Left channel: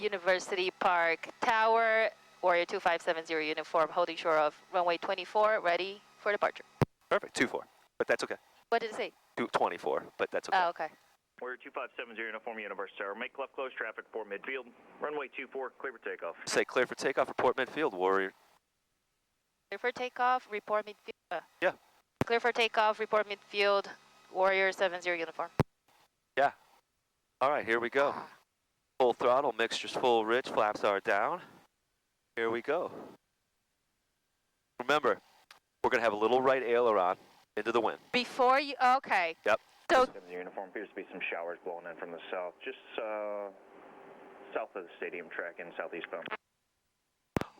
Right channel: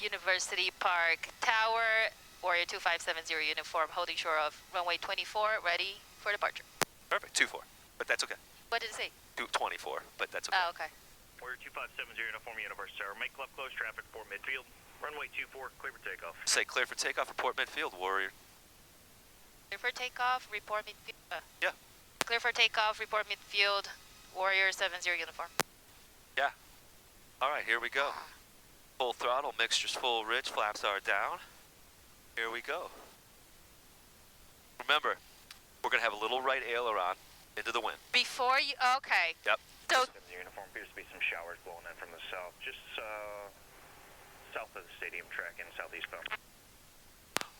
University Park Tower, Warrior 2570 uniform, holding shore of runway 24, ready for departure. Perfect, 24, but that's okay. What did it say? 24, but that's okay. Oh, okay. Warrior 2570 uniform, University Tower. Make left close traffic for midfield. Runway 24, clear for takeoff. Say clear for takeoff, report midfield, Warrior. Clear for takeoff, report midfield. Yeah. Clear for takeoff, report midfield, Warrior 70 uniform. Yeah. All right, here we go. Full throttle, mixtures full, rich, flaps are down. Here we go. Remember, we're gonna have a little right aileron into the wind. Before you, okay. Yep. So, uniform appears to be some showers blowing in from the south, just south of the stadium track in southeast bound.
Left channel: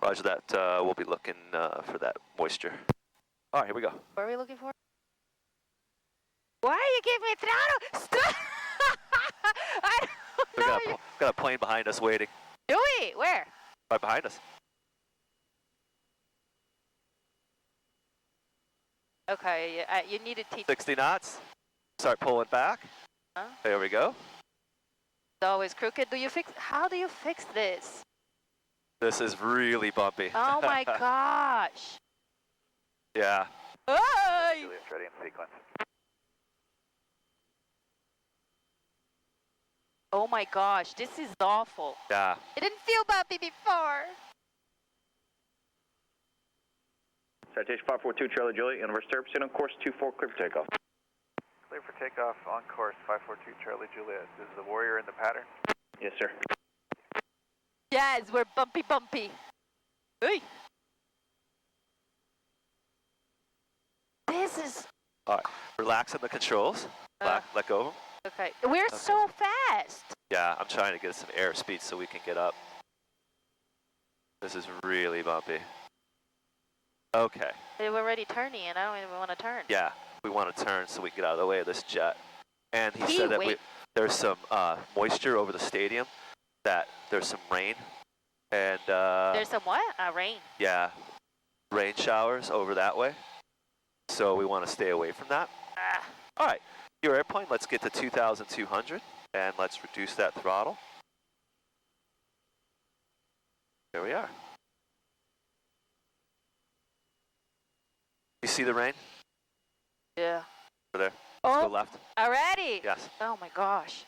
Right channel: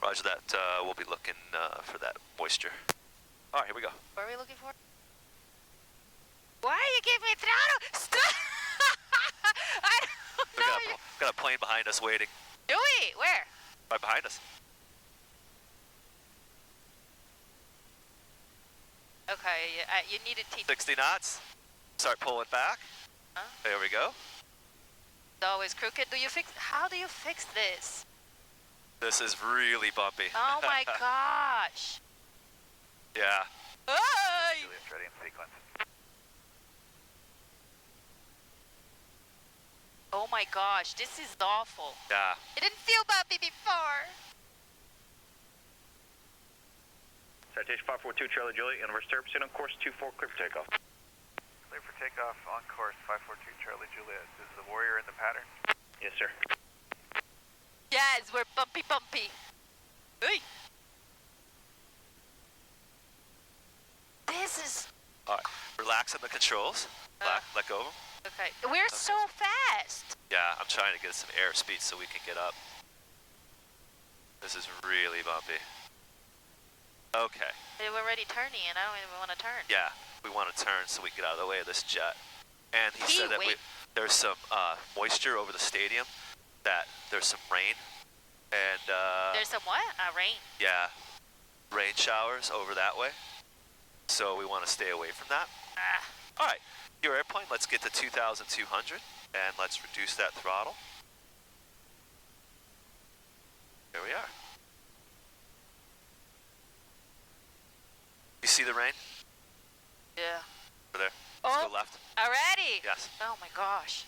Roger that. We'll be looking for that moisture. All right, here we go. What are we looking for? Why are you giving me throttle? Stop! I don't know. We got a plane behind us waiting. Do we? Where? Right behind us. Okay, you need to teach. 60 knots. Start pulling back. Huh? There we go. It's always crooked. How do you fix this? This is really bumpy. Oh my gosh. Yeah. Hey! Juliet's ready in sequence. Oh my gosh, this is awful. Yeah. It didn't feel bumpy before. Citation 542 Charlie Juliet, University Tower, proceed on course 24, clear for takeoff. Clear for takeoff on course 542 Charlie Juliet. Is the Warrior in the pattern? Yes, sir. Yes, we're bumpy. Hey. This is... All right. Relax on the controls. Let go of them. Okay. We're so fast. Yeah, I'm trying to get some airspeed so we can get up. This is really bumpy. Okay. We're already turning and I don't even want to turn. Yeah, we want to turn so we can get out of the way of this jet. And he said that there's some moisture over the stadium, that there's some rain. And there's some what? Rain. Yeah, rain showers over that way. So we want to stay away from that. All right, your airplane, let's get to 2,200 and let's reduce that throttle. There we are. You see the rain? Yeah. Over there. Oh, let's go left. Already? Yes. Oh my gosh.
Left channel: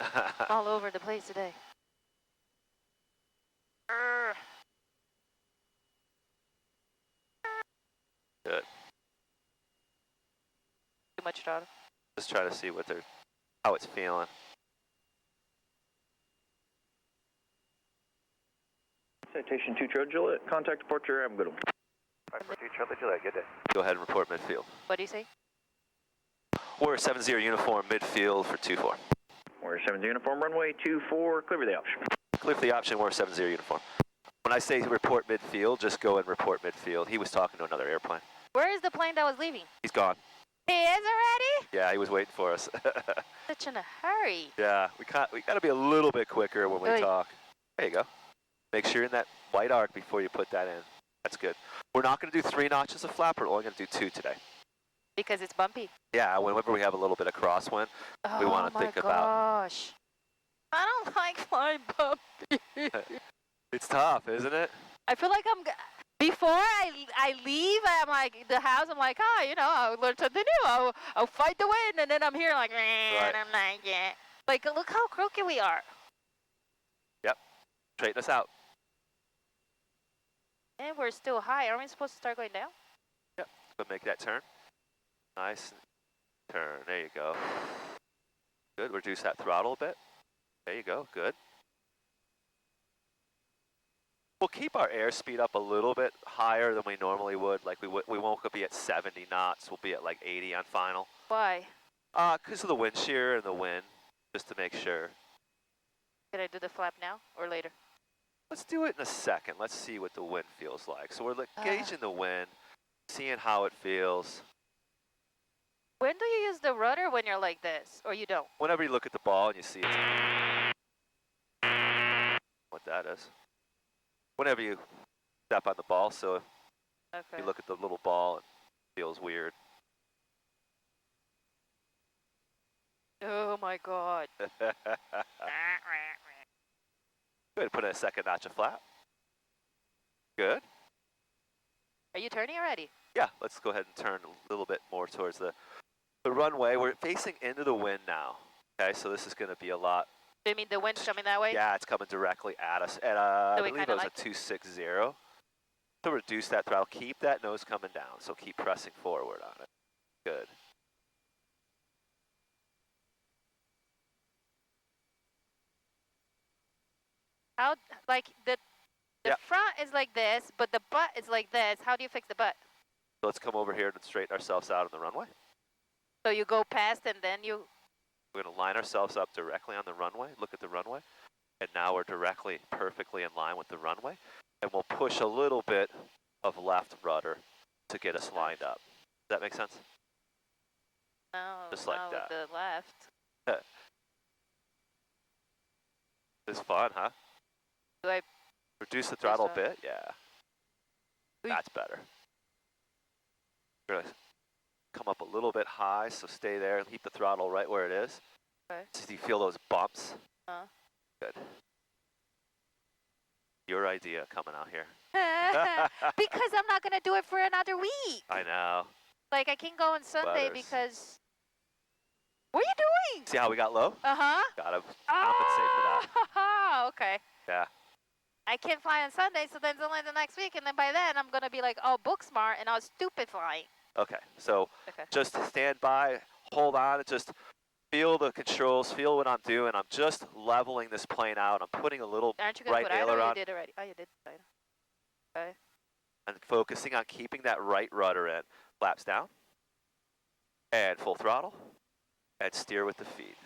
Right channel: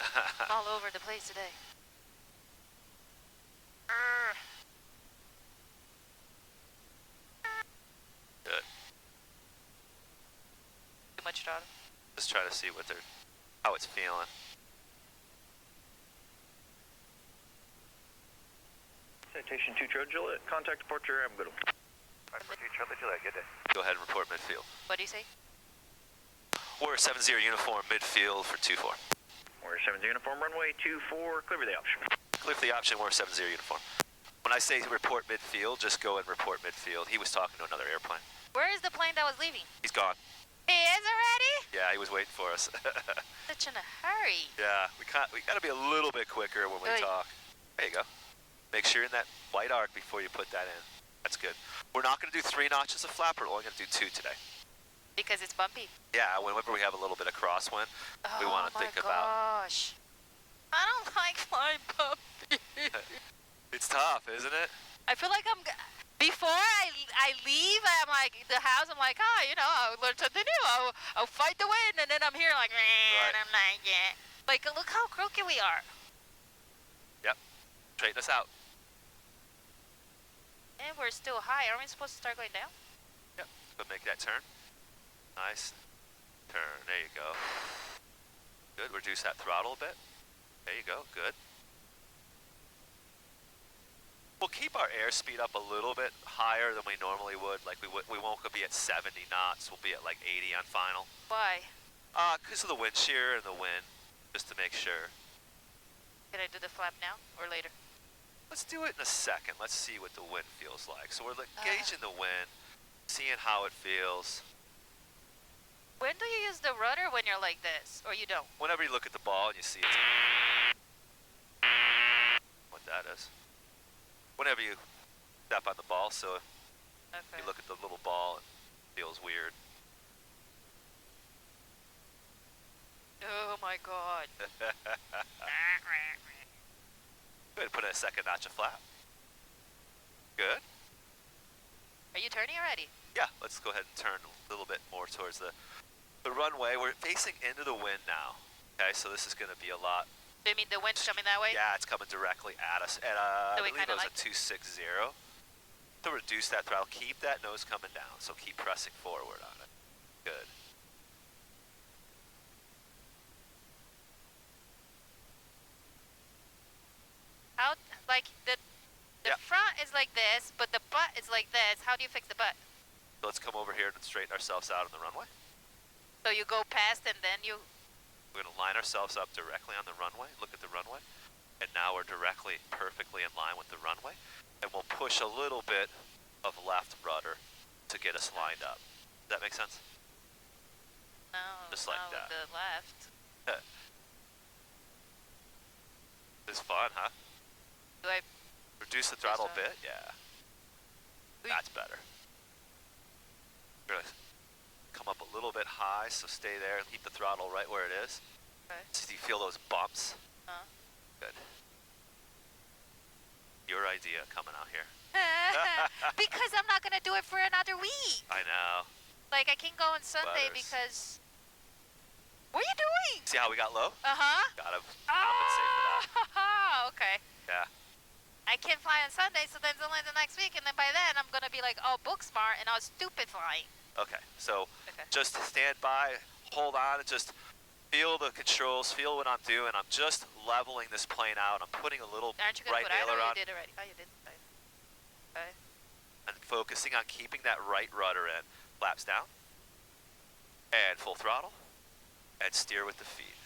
All over the place today. Good. Too much throttle. Just try to see what how it's feeling. Citation 2 Charlie Juliet, contact departure, have a good one. 542 Charlie Juliet, good day. Go ahead and report midfield. What do you say? Warrior 70 uniform midfield for 24. Warrior 70 uniform, runway 24, clear for the option. Clear for the option, Warrior 70 uniform. When I say report midfield, just go and report midfield. He was talking to another airplane. Where is the plane that was leaving? He's gone. He is already? Yeah, he was waiting for us. Such in a hurry. Yeah, we got to be a little bit quicker when we talk. There you go. Make sure you're in that white arc before you put that in. That's good. We're not going to do 3 notches of flap. We're only going to do 2 today. Because it's bumpy. Yeah, whenever we have a little bit of crosswind, we want to think about. Oh my gosh. I don't like flying bumpy. It's tough, isn't it? I feel like before I leave, I'm like, the house, I'm like, you know, I'll learn something new. I'll fight the wind, and then I'm here like, and I'm like, yeah. Like, look how crooked we are. Yep. Straighten us out. And we're still high. Aren't we supposed to start going down? Yep. But make that turn. Nice. Turn. There you go. Good. Reduce that throttle a bit. There you go. Good. We'll keep our airspeed up a little bit higher than we normally would. Like we won't be at 70 knots. We'll be at like 80 on final. Why? Because of the wind shear and the wind, just to make sure. Can I do the flap now or later? Let's do it in a second. Let's see what the wind feels like. So we're gauging the wind, seeing how it feels. When do you use the rudder when you're like this, or you don't? Whenever you look at the ball and you see it. What that is. Whenever you step on the ball, so if you look at the little ball, it feels weird. Oh my God. Good, put in a second notch of flap. Good. Are you turning already? Yeah, let's go ahead and turn a little bit more towards the runway. We're facing into the wind now. Okay, so this is going to be a lot. Do you mean the wind's coming that way? Yeah, it's coming directly at us. And I believe it was a 260. To reduce that throttle, keep that nose coming down. So keep pressing forward on it. Good. How, like, the front is like this, but the butt is like this. How do you fix the butt? So let's come over here and straighten ourselves out on the runway. So you go past and then you... We're going to line ourselves up directly on the runway. Look at the runway. And now we're directly, perfectly in line with the runway. And we'll push a little bit of left rudder to get us lined up. Does that make sense? No, Just like not that. with the left. It's fun, huh? Do I... Reduce the throttle a bit? Yeah. That's better. You're going to come up a little bit high, so stay there and keep the throttle right where it is. Okay. So you feel those bumps? Good. Your idea coming out here. Because I'm not going to do it for another week. I know. Like, I can go on Sunday Butters. because... What are you doing? See how we got low? Uh-huh. Gotta compensate for that. Oh, okay. Yeah. I can't fly on Sunday, so then it's only the next week, and then by then I'm going to be like, oh, book smart, and I was stupid flying. Okay, so Okay. just stand by, hold on, and just feel the controls, feel what I'm doing. I'm just leveling this plane out. I'm putting a little Aren't you going right to put idle? aileron You did already. Oh, you did. Okay. and focusing on keeping that right rudder in. Flaps down, and full throttle, and steer with the feet.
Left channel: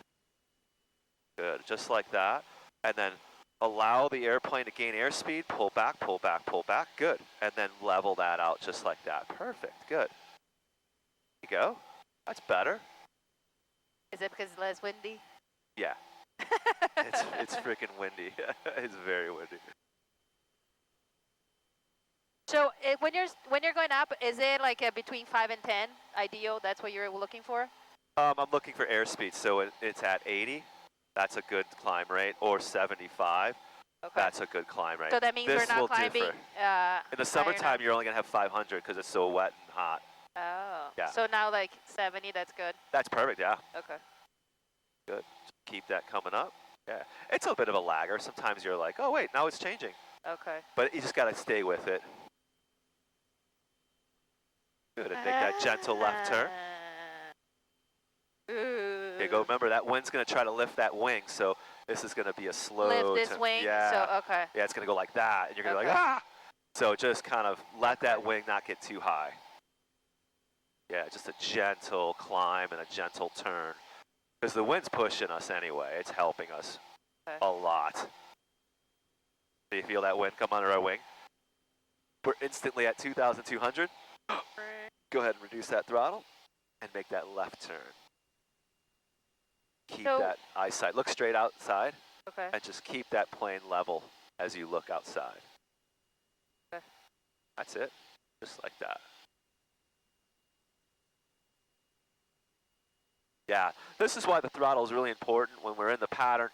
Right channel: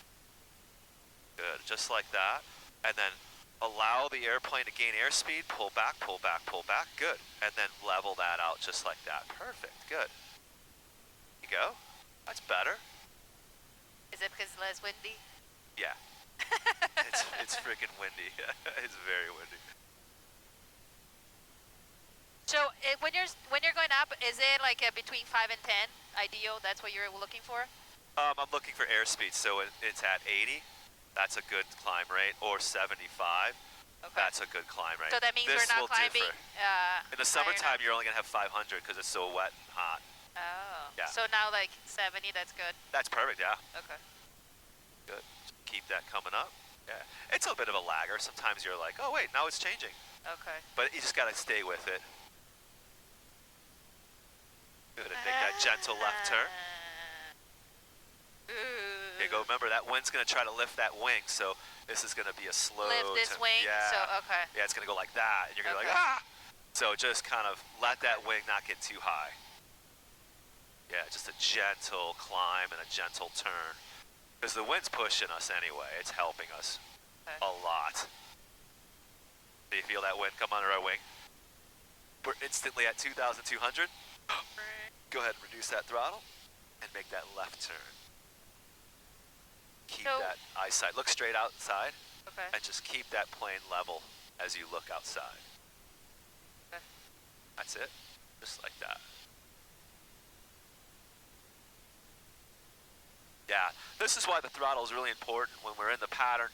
Good, just like that. And then allow the airplane to gain airspeed, pull back, pull back, pull back. Good. And then level that out just like that. Perfect. Good. There you go. That's better. Is it because it's less windy? Yeah. It's freaking windy. It's very windy. So when you're going up, is it like between 5 and 10 ideal? That's what you're looking for? I'm looking for airspeed, so it's at 80. That's a good climb rate, or 75. Okay. That's a good climb rate. So that means This we're will not climbing. differ. In the higher summertime, now? you're only going to have 500 because it's so wet and hot. Oh. Yeah. So now like 70, that's good. That's perfect, yeah. Okay. Good. Keep that coming up. Yeah. It's a bit of a lagger. Sometimes you're like, oh, wait, now it's changing. Okay. But you just got to stay with it. Good. And make that gentle left turn. Ooh. Okay, go. Remember, that wind's going to try to lift that wing, so this is going to be a slow Lift this turn. wing. Yeah. So okay. Yeah, it's going to go like that, and you're going to be Okay. like, ah! So just kind of let that wing not get too high. Yeah, just a gentle climb and a gentle turn. Because the wind's pushing us anyway. It's helping us Okay. a lot. Do you feel that wind come under our wing? We're instantly at 2,200. Go ahead and reduce that throttle and make that left turn. Keep So- that eyesight. Look straight outside Okay. and just keep that plane level as you look outside. Okay. That's it. Just like that. Yeah, this is why the throttle is really important when we're in the pattern.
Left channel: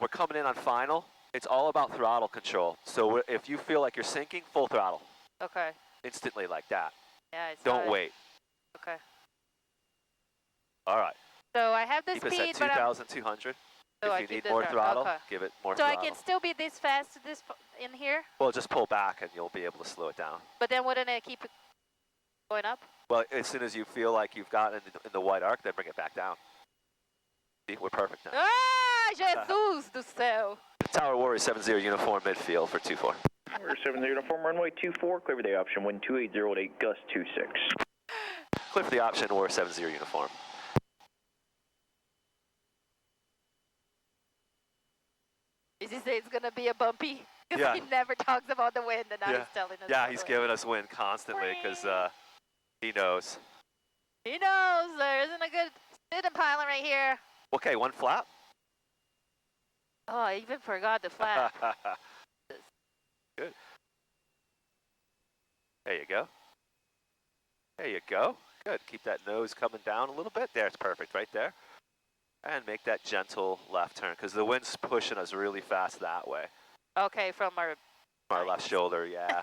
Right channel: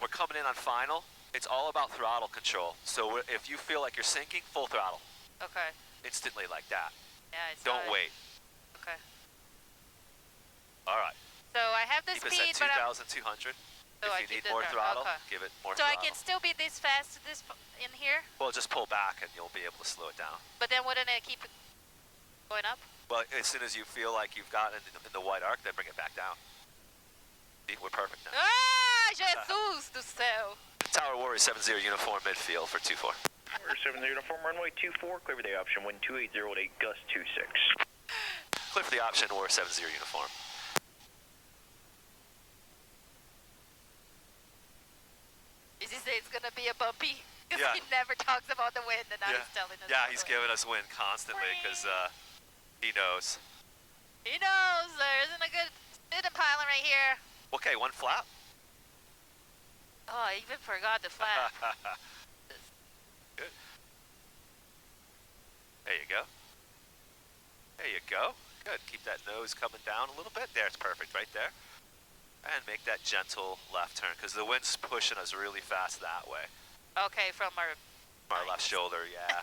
We're coming in on final. It's all about throttle control. So if you feel like you're sinking, full throttle. Okay. Instantly like that. Yeah, I saw Don't it. wait. Okay. All right. So I have the Keep us speed, at but I'm, 2,200. So I If you keep need the more throttle, okay. give it more So throttle. I can still be this fast in here, Well, just pull back and you'll be able to slow it down. but then wouldn't it keep it going up? Well, as soon as you feel like you've gotten in the white arc, then bring it back down. See, we're perfect now. Ah, Jesus do céu. Tower Warrior 70 uniform midfield for 24. We're 70 uniform runway 24, clear for the option, wind 280 8, gust 26. Clear for the option, Warrior 70 uniform. Is he say it's gonna be a bumpy? Because Yeah. he never talks about the wind, and now he's telling us. Yeah, about he's the wind. giving us wind constantly because he knows. He knows there isn't a good student pilot right here. Okay, one flap. Oh, I even forgot the flap. Good. There you go. There you go. Good. Keep that nose coming down a little bit. There, it's perfect right there. And make that gentle left turn because the wind's pushing us really fast that way. Okay, from our left shoulder, yeah.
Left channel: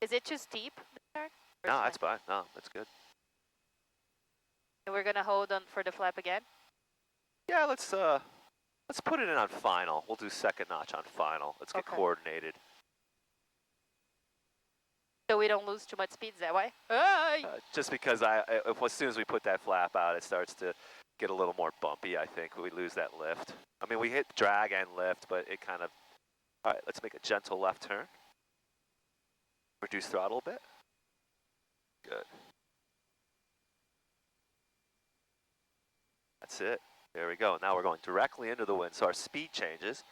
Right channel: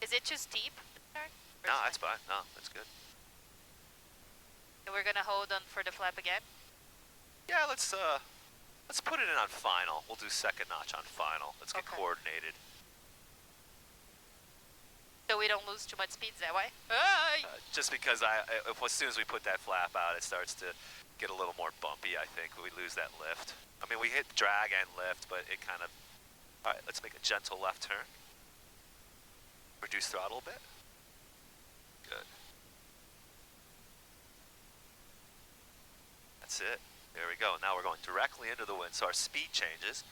Is it too steep? No, that's fine. No, that's good. And we're gonna hold on for the flap again. Yeah, let's put it in on final. We'll do second notch on final. Let's get Okay. coordinated. So we don't lose too much speed that way. Just because as soon as we put that flap out, it starts to get a little more bumpy, I think. We lose that lift. I mean, we hit drag and lift, but it kind of... All right, let's make a gentle left turn. Reduce throttle a bit. Good. That's it. There we go. Now we're going directly into the wind, so our speed changes.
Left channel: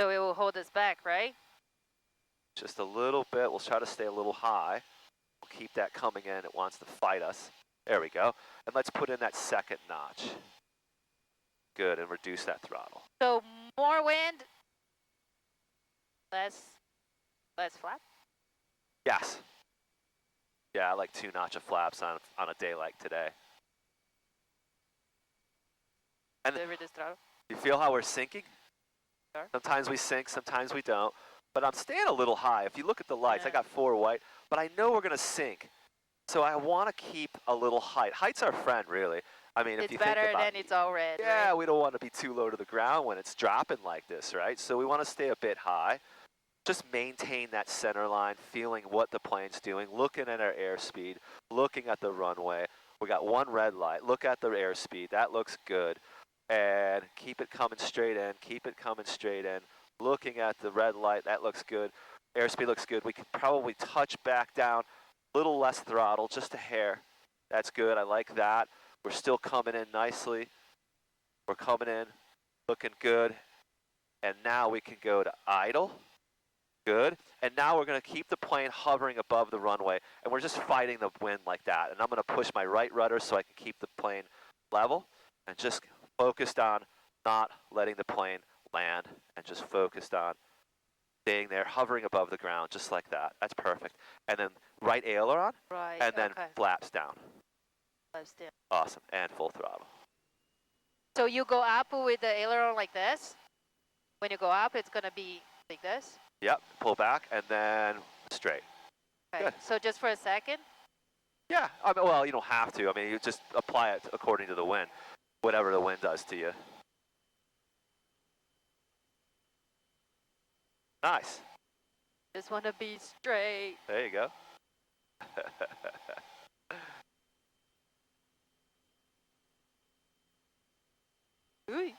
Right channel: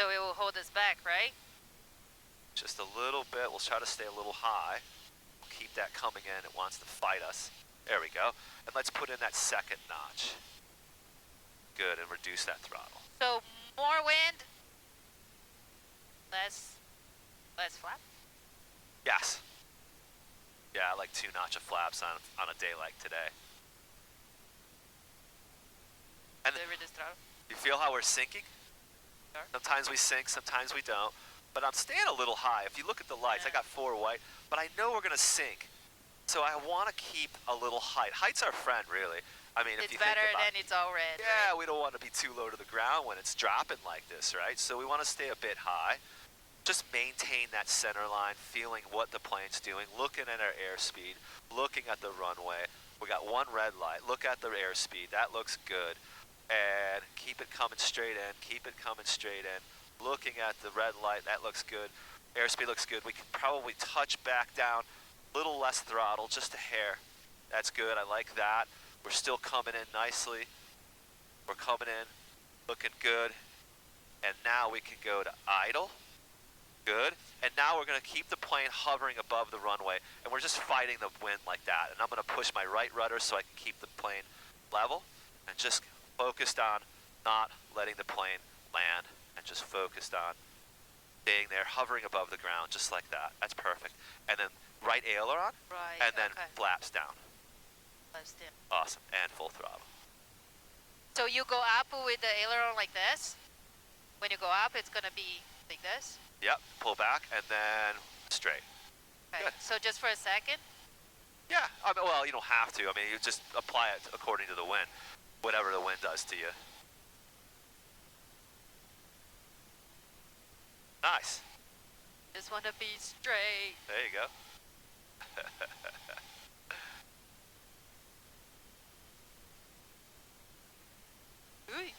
So it will hold us back, right? Just a little bit. We'll try to stay a little high. We'll keep that coming in. It wants to fight us. There we go. And let's put in that second notch. Good, and reduce that throttle. So more wind, less flap? Yes. Yeah, I like 2 notch of flaps on a day like today. And Deliver this throttle. you feel how we're sinking? Sure. Sometimes we sink, sometimes we don't. But I'm staying a little high. If you look at the lights, I Yeah. got 4 white, but I know we're going to sink. So I want to keep a little height. Height's our friend, really. I mean, if It's you better think about than it's all red. yeah, right? we don't want to be too low to the ground when it's dropping like this, right? So we want to stay a bit high. Just maintain that center line, feeling what the plane's doing, looking at our airspeed, looking at the runway. We got 1 red light. Look at the airspeed. That looks good. And keep it coming straight in. Keep it coming straight in. Looking at the red light. That looks good. Airspeed looks good. We can probably touch back down. A little less throttle, just a hair. That's good. I like that. We're still coming in nicely. We're coming in, looking good. And now we can go to idle. Good. And now we're going to keep the plane hovering above the runway. And we're just fighting the wind like that. And I'm going to push my right rudder so I can keep the plane level. And just focused on not letting the plane land. And just focused on staying there, hovering above the ground, just like that. That's perfect. And then right aileron. Right. And then okay. flaps down. Flaps down. Awesome. And full throttle. So you go up with the aileron like this. When you go up, it's gonna be like this. Yep. Pull back and then straight. Okay. Good. So just for a second. Yeah. I mean, well, you don't have to. I mean, you just apply it according to the wind, whatever the wind does to you. Nice. Just wanna be straight. There you go. Ooh.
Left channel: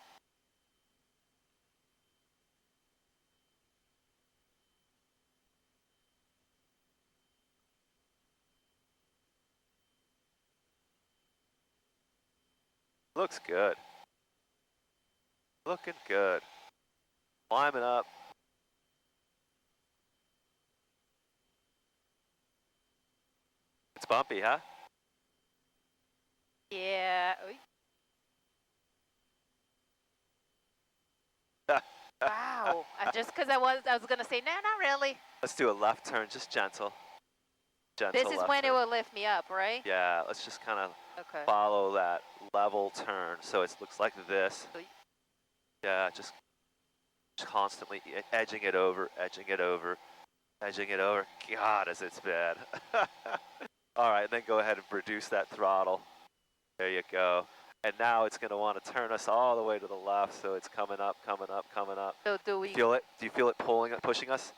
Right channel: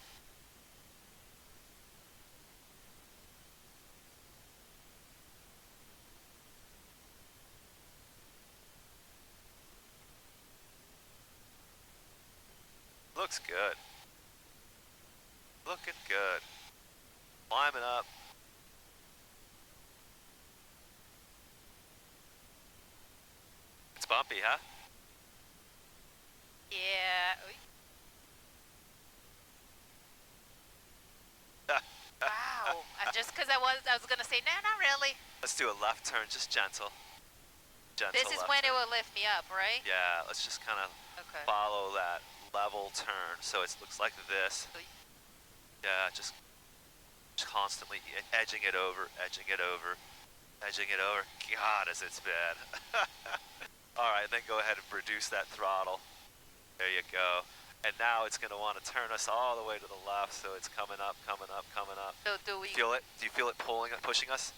Looks good. Looking good. Climbing up. It's bumpy, huh? Yeah. Ooh. Wow. Just because I was gonna say, no, not really. Let's do a left turn, just gentle. Gentle This is left when turn. it will lift me up, right? Yeah, let's just kind of Okay. follow that level turn. So it looks like this. Oy. Yeah, just constantly edging it over, edging it over, edging it over. God, is it's bad. All right, then go ahead and reduce that throttle. There you go. And now it's going to want to turn us all the way to the left, so it's coming up, coming up, coming up. So do we? Feel it? Do you feel it pushing us?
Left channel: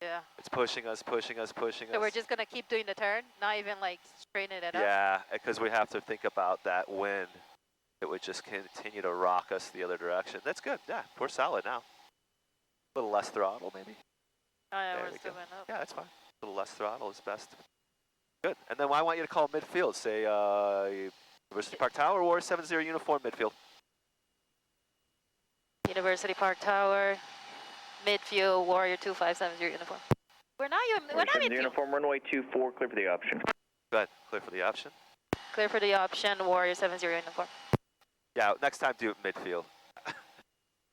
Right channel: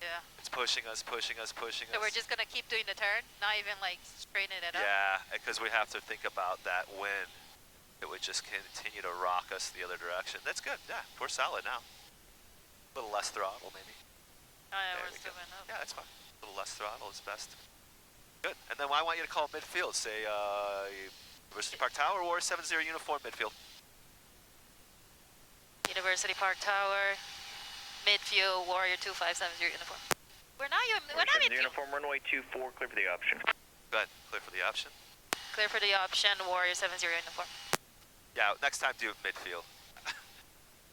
Yeah. It's pushing us, pushing us, pushing us. So we're just gonna keep doing the turn, not even like straightening it up. Yeah, because we have to think about that wind. It would just continue to rock us the other direction. That's good. Yeah, we're solid now. A little less throttle, maybe. Oh yeah, There we're we still go. going up. Yeah, that's fine. A little less throttle is best. Good. And then I want you to call midfield. Say University Park Tower or 70 uniform midfield. University Park Tower, midfield, Warrior 2570 uniform. We're not midfield. Uniform runway 24, clear for the option. Go ahead. Clear for the option. Clear for the option, Warrior 70 uniform. Yeah, next time do it midfield.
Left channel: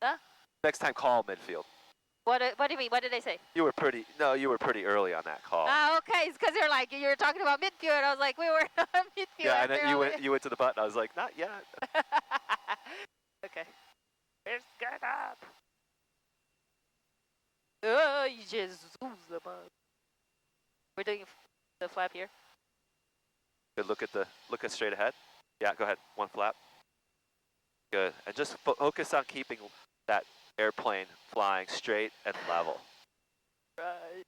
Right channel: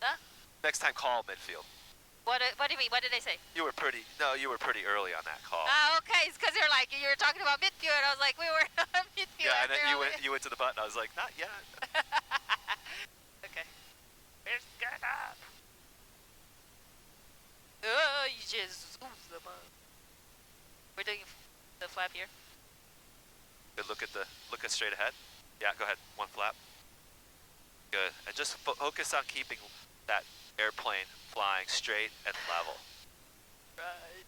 Huh? Next time call midfield. What do you mean? What did they say? You were pretty early on that call. Ah, okay, it's because you're like, you were talking about midfield. I was like, we were on midfield. Yeah, and then you went to the button. I was like, not yet. Okay. Let's get up. Oh, you just zoomed them up. We're doing the flap here. Good. Look at straight ahead. Yeah, go ahead. One flap. Good. And just focus on keeping that airplane flying straight and level. Right.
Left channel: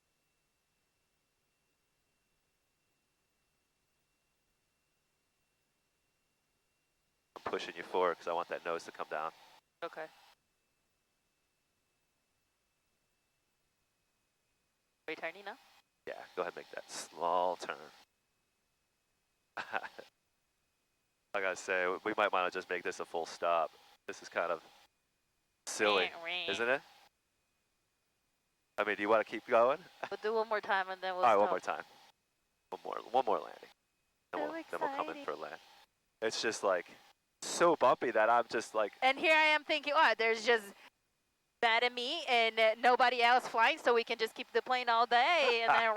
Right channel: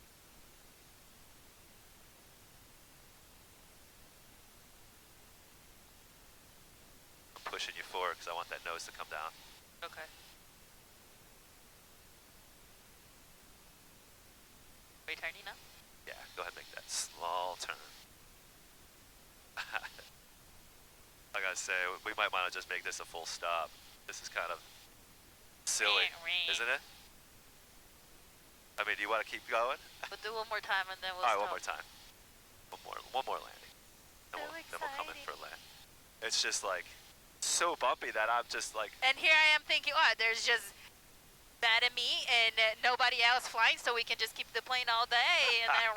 I'm pushing you forward because I want that nose to come down. Okay. Are you turning now? Yeah, go ahead and make that small turn. I gotta say, we might want to just make this a full stop. This is kind of silly, isn't it? I mean, do you want to keep going? We'll do one more time and then we'll All right, stop. one more time. One more landing. Then we'll come in for a land. It's just like so bumpy that I'm just like. And here I am thinking, oh, there's just that and me and nobody else flying, so we can just keep the plane all day and then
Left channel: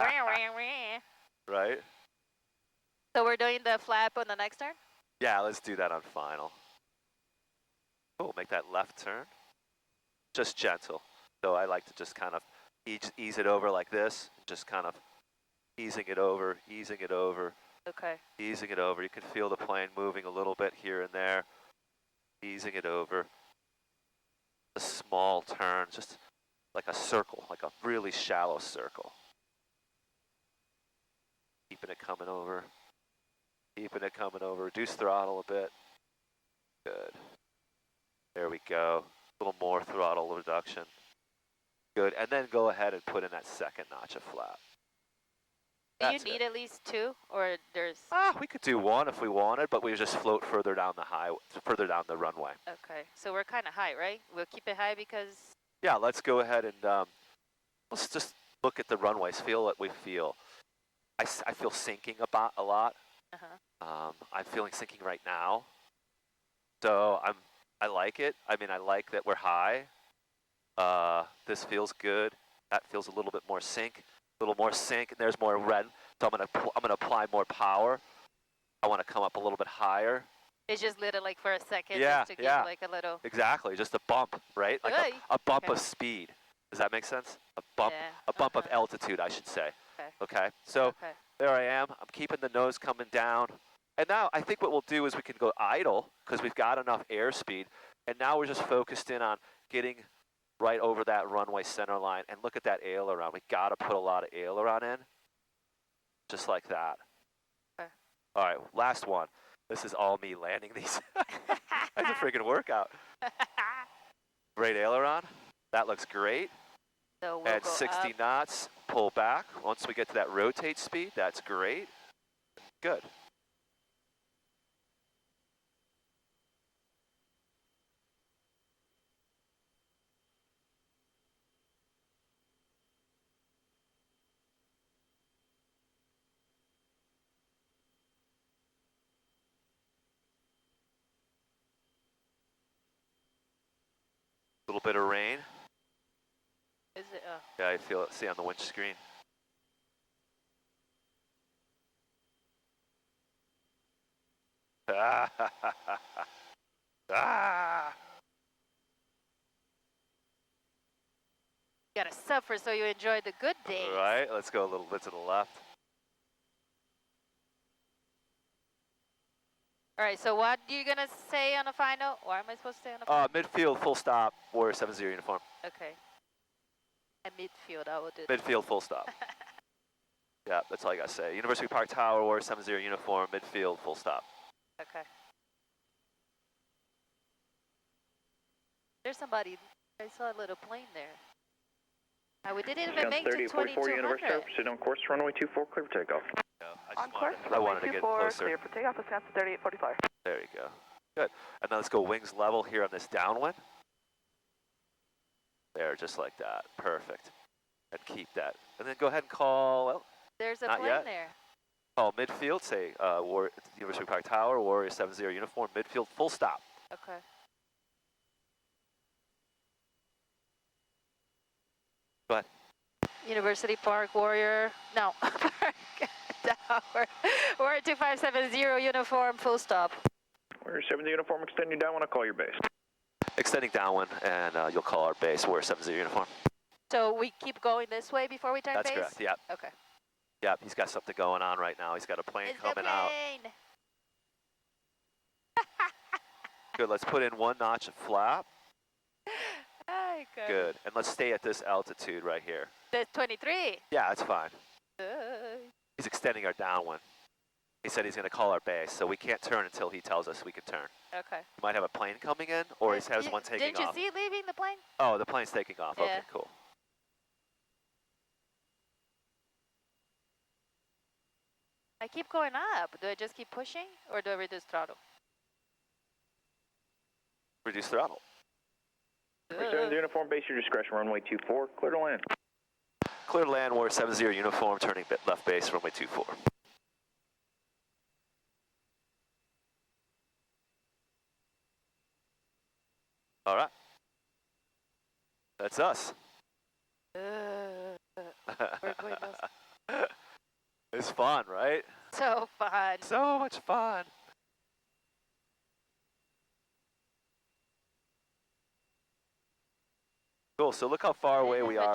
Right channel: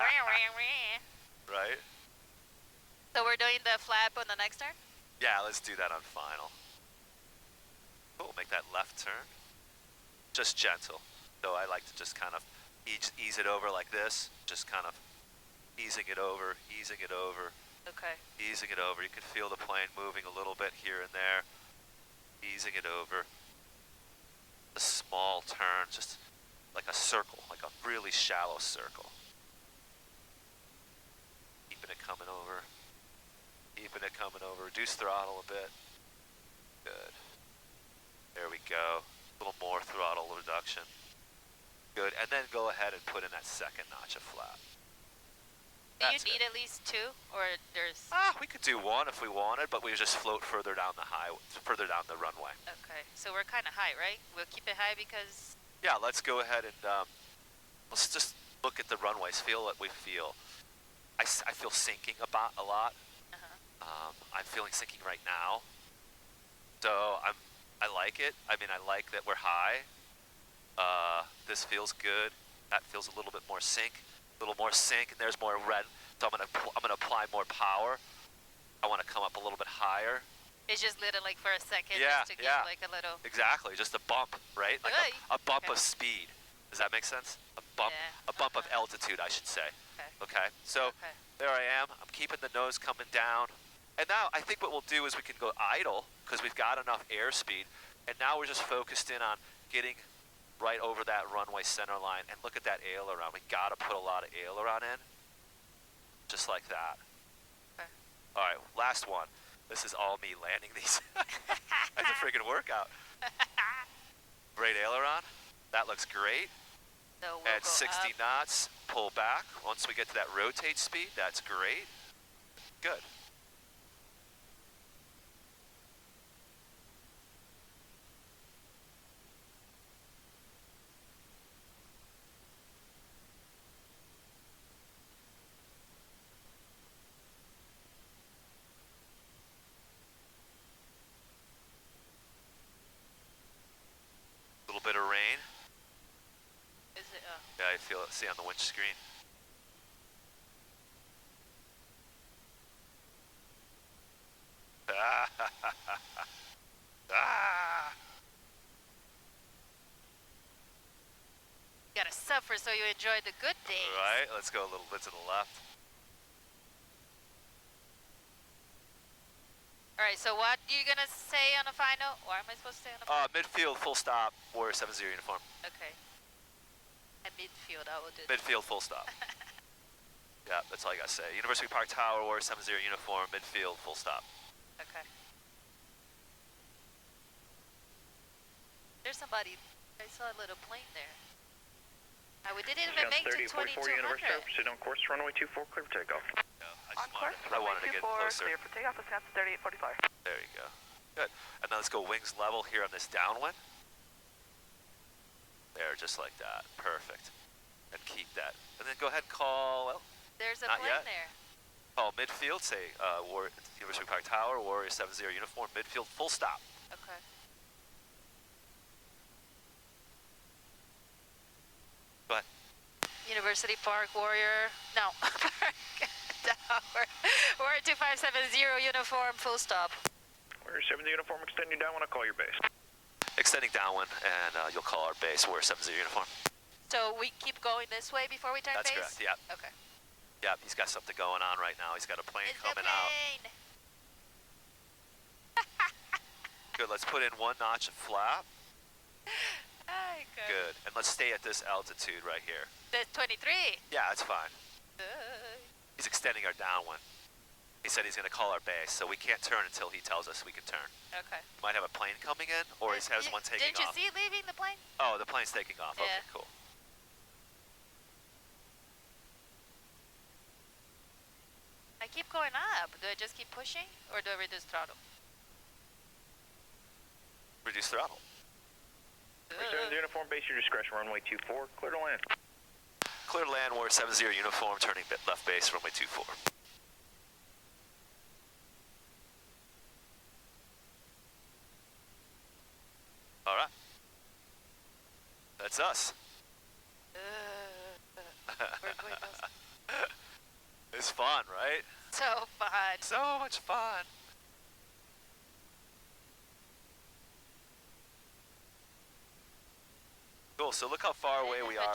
Right? So we're doing the flap on the next turn? Yeah, let's do that on final. Oh, make that left turn. Just gentle. So I like to just kind of ease it over like this. Just kind of easing it over, easing it over. Okay. Easing it over. You can feel the plane moving a little bit here and there. Easing it over. A small turn, just like a circle, like a really shallow circle. Keeping it coming over. Keeping it coming over. Reduce throttle a bit. Good. There we go. A little more throttle reduction. Good. And then go ahead and put in that second notch of flap. Do you That's need it. at least two, or there's? We could do one if we wanted, but we just float further down the further down the runway. Okay, so we're kind of high, right? We'll keep it high because. Yeah, let's go ahead and let's just look at the runways. Feel what we feel. I feel sinking a lot. I'm feeling sinking right now. So I like it. I mean, I like that we're high. This feels good. That feels a little bit more sink. A little more sink, and there's more red. So I'm gonna apply more power. I want to come up a little bit higher. It's just little, like for a second, Yeah, just to give yeah. like a little. Exactly, just a bump, right? Like Hey. a bump Okay. of speed. Does that make sense? A bump, Yeah, a bump of okay. altitude, I should say. Okay. Okay. So Okay. there I am. I'm keeping the nose coming down. And now I think what we'll do is we can go idle because we've got enough airspeed. And now we're just focused in on getting right over that runway center line. And look at that aileron. We got to put a lot of aileron in. Just like that. Okay. All right, last one. This is all me landing these. That's a freaking workout. Great aileron. That looks great. So we'll At go 60 up. knots, pull back. Once we get to that rotate speed, that's great. Good. A little bit of rain. Is it? Oh. Yeah, I feel it. See on the winch screen. Ah. You gotta suffer so you enjoy the good days. Right, let's go a little bit to the left. All right, so what are you gonna say on the final? Or am I supposed to say on the final? Midfield, full stop, Warrior 70 uniform. Okay. At midfield, I will do that. Midfield, full stop. Yeah, that's all I gotta say. University Park Tower, Warrior 70 uniform, midfield, full stop. Okay. There's somebody. I saw a little plane there. We didn't even make to 3044 Universe 2200. Proceed on course, runway 24, clear for takeoff. On course, I wanted to get 24, closer. clear for takeoff, descent to 3845. There you go. Good. And now let's go wings level here on this downwind. There, just like that. Perfect. And keep that. And then go ahead and call, well, There's a Not plane yet. there. call midfield, say University Park Tower, Warrior 70 uniform, midfield, full stop. Okay. Go ahead. University Park, Warrior. No, Park Tower. Warrior 2570, uniform, full stop. Warrior 70 uniform, extend you down when I call your base. Extending downwind, and you'll call our base. Warrior 70 uniform. So we keep going this way before we turn That's base? correct, yep. Okay. Yep, he's got something going on right now. He's got a plane It's coming the out. plane. Good, let's put in one notch of flap. Ay, good. Good, and let's stay at this altitude right here. The 23. Yeah, that's fine. He's extending our downwind. He said he's going to call our base, so we can't turn until he tells us we can turn. Okay. He might have a plane coming in, or he has one taking off. Didn't you see leaving the plane? Oh, the plane's taking off. Yeah. Okay, cool. I keep going up. Do I just keep pushing, or do I reduce throttle? Reduce throttle. Warrior 70 uniform, base your discretion, runway 24, clear to land. Clear to land, Warrior 70 uniform, turning left base, runway 24. All right. That's us. We're going those. It's fun, right? So fun. So much fun. Cool, so look how far away we are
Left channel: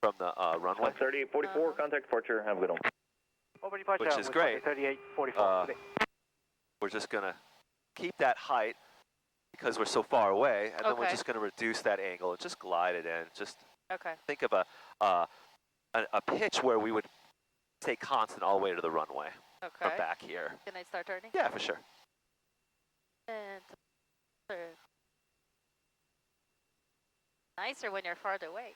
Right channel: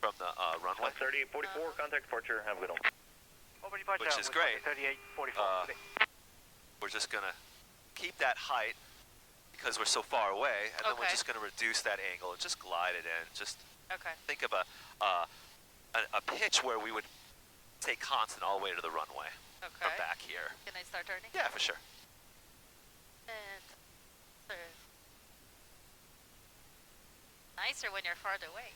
from the runway. 3844, contact departure, have a good one. Over departure. Which is great. 3844. We're just gonna keep that height because we're so far away, and then we're Okay. just gonna reduce that angle and just glide it in. Just Okay. think of a pitch where we would stay constant all the way to the runway Okay. from back here. Can I start turning? Yeah, for sure. And turn. Nicer when you're farther away.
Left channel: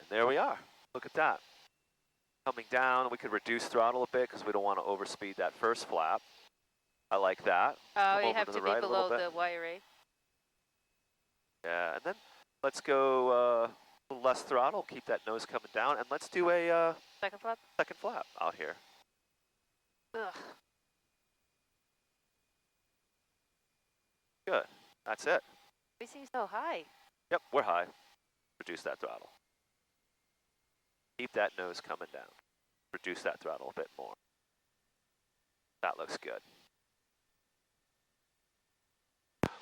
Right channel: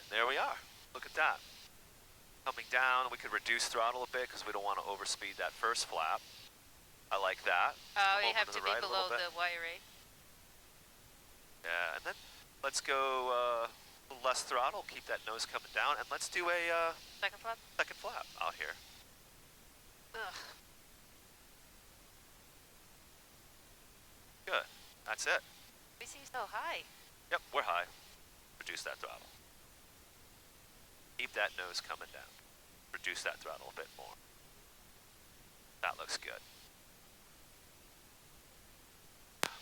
And there we are. Look at that. Coming down, we could reduce throttle a bit because we don't want to overspeed that first flap. I like that. Oh, Come you over have to to the be right a below little bit. the wiring. Yeah, and then let's go a little less throttle, keep that nose coming down, and let's do a Second flap? second flap out here. Ugh. Good. That's it. We seem so high. Yep, we're high. Reduce that throttle. Keep that nose coming down. Reduce that throttle a bit more. That looks good.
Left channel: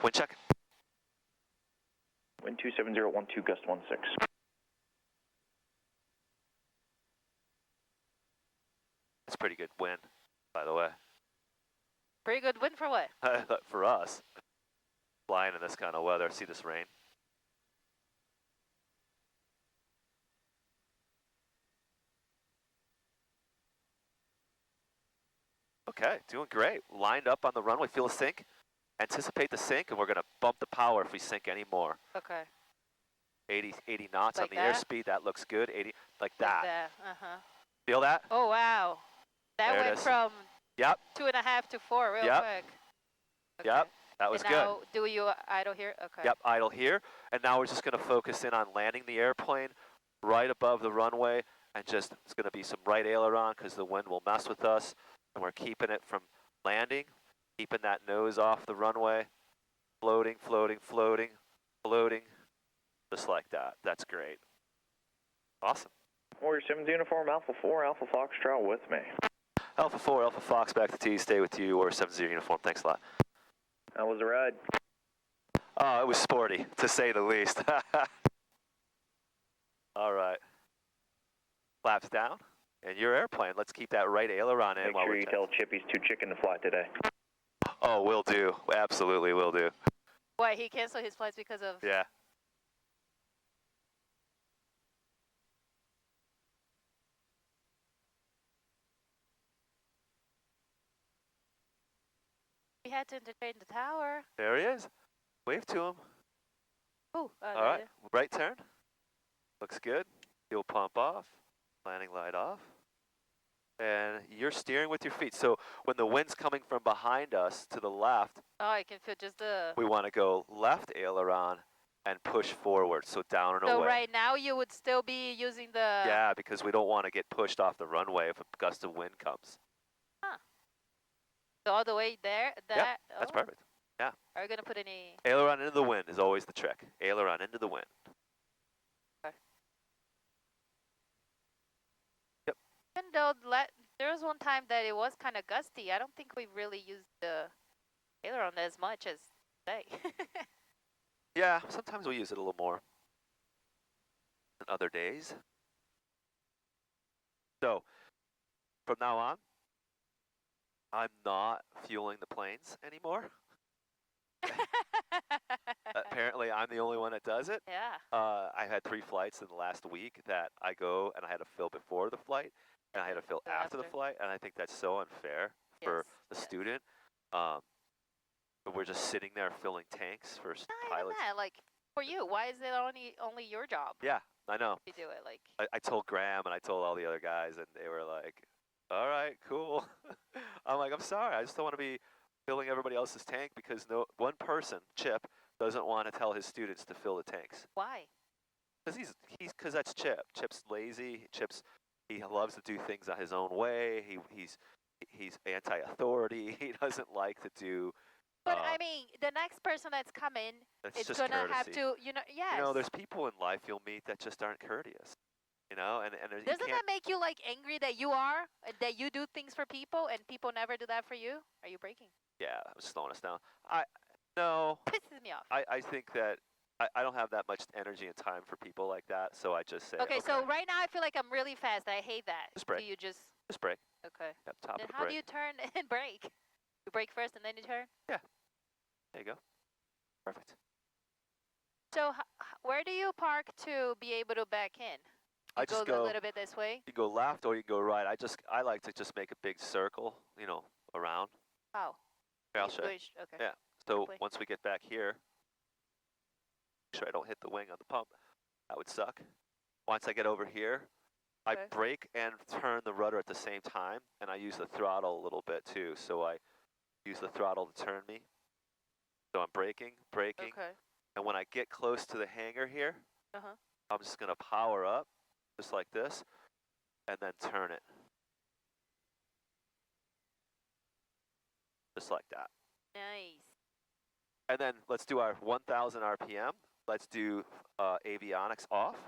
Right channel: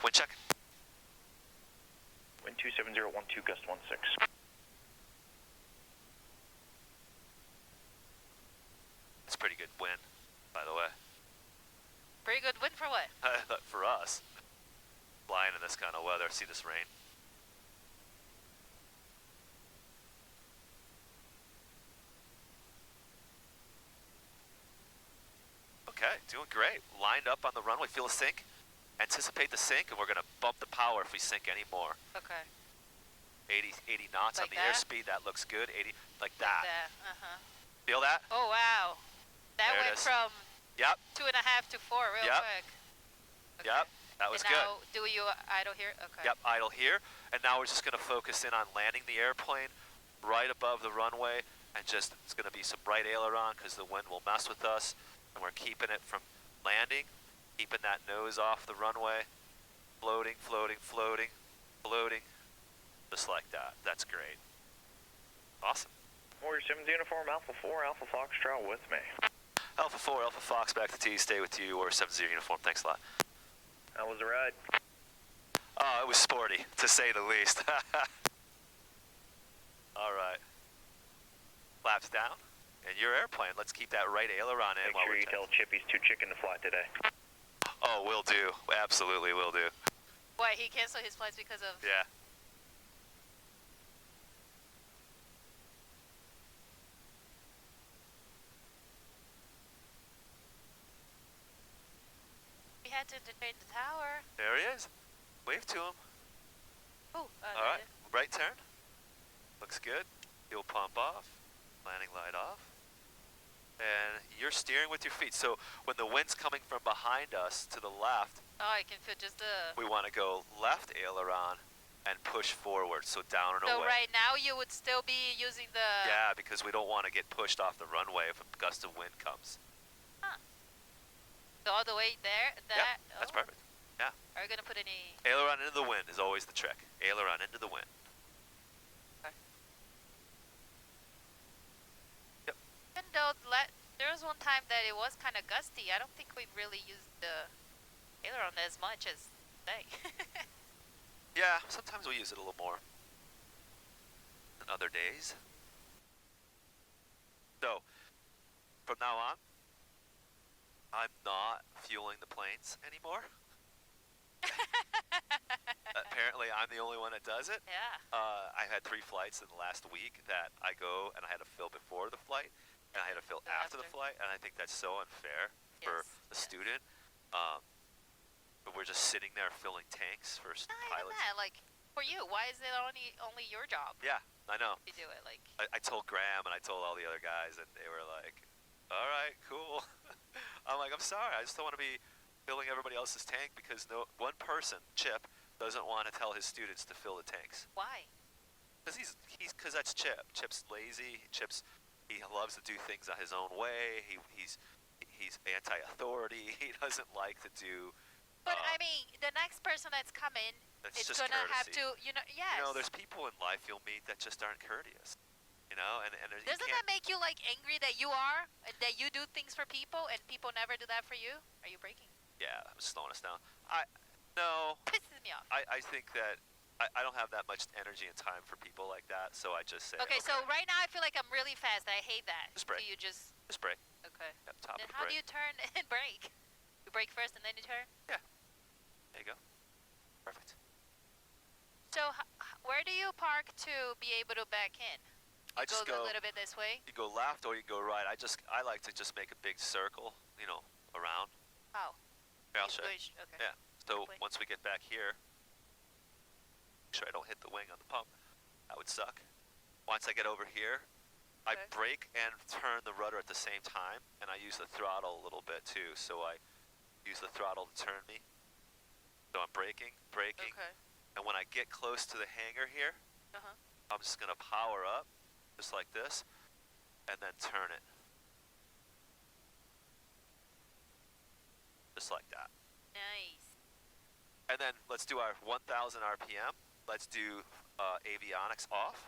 Wind check. Wind 27012, gust 16. It's pretty good wind, by the way. Pretty good wind for what? For us. Flying in this kind of weather. See this rain. Okay, doing great. Lined up on the runway. Feel a sink. Anticipate the sink, and we're going to bump the power if we sink any more. Okay. 80 knots Like on the that? airspeed. That looks good. 80, like Like that. that. Uh-huh. Feel that? Oh, wow. That There it went is. from Yep. 2.5 to 4 real Yep. quick. Okay. Yep. That was and good. now, do you idle here? Okay. Yep, idle here. And now we're just going to focus in on landing the airplane right above the runway, and just, it's going to be some right aileron because the wind will mess with us, and we're keeping it from landing, keeping that nose off the runway, floating, floating, floating, floating, just like that. That's great. Awesome. Warrior 70 uniform, Alpha 4, Alpha Foxtrot with me. Alpha 4, Alpha Fox, back to T, stay with you, or 70 uniform. Thanks a lot. How was the ride? Oh, it was sporty, to say the least. All right. Flaps down, and your airplane. Let's keep that right aileron in Make while sure we're you tell Chip he's too chicken to fly today. Oh, will do. Absolutely will do. Why, he canceled his flights because of... Yeah. We had to entertain the tower. There he is. Wave to him. Oh, All right. Right turn. Looks good. Fuel pump off. Landing light off. And you're steering with your feet. So when the wind's coming from behind us to the left, Oh, I can feel just the... we want to go left aileron and push forward, so down and So away. right now you would still be using the... Yeah, because we don't want to get pushed off the runway if a gust of wind comes. Huh. So all the way there? Yeah, that's perfect. Yeah. Are you going to put any... Aileron into the wind is always the trick. Aileron into the wind. Okay. Yep. Even though there was one time that it was kind of gusty, I don't think we really used the aileron as much as today. Yeah, sometimes we use it a little more than other days. So, from now on, I'm not fueling the planes anymore. Apparently, I'm the only one that does it. Yeah. I had 3 flights in the last week that I go and I had to fill before the flight, and I had to fill after the flight, and I think that's so unfair for the student. But we're just sitting there filling tanks for pilots. That, like, for you, why is it only your job? Yeah, I know. To do it, like. I told Graham and I told all the other guys, and they were like, "All right, cool." I'm like, "I'm sorry, I just don't want to be filling everybody else's tank because one person, Chip, doesn't want to tell his students to fill the tanks." Why? Because that's Chip. Chip's lazy. He loves to do things on his own way. He's anti-authority. He doesn't like to do. But I mean, the next person that's coming is gonna have to, yes. There's people in life you'll meet that just aren't courteous. And doesn't that make you like angry that you are, that you do things for people and people never do that for you? Are you breaking? Yeah, I'm slowing us down. No. Pisses me off. I think that I don't have that much energy and time for people like that, so I just say. Okay, so right now I feel like I'm really fast. I hate that. Just brake. Do you just brake? Okay. Yep, top Then of the how brake. do you turn and brake? You brake first and then you turn? Yeah. There you go. Perfect. So where do you park to be able to back in? I just go a little bit this way? You go left or you go right. I like to just make a big circle, around. Oh. Here, I'll show you. Okay. Yeah. So Quickly. once we get back here, make sure I don't hit the wing on the pump. That would suck. Once I get over here, I brake and turn the rudder at the same time, and I use the throttle a little bit too. So I use the throttle to turn me. So I'm braking, Okay. and when I get close to the hangar here, I'm just gonna power up, just like this, and then turn it. Just like that. Nice. And then let's do our 1,000 RPM. Let's do avionics off.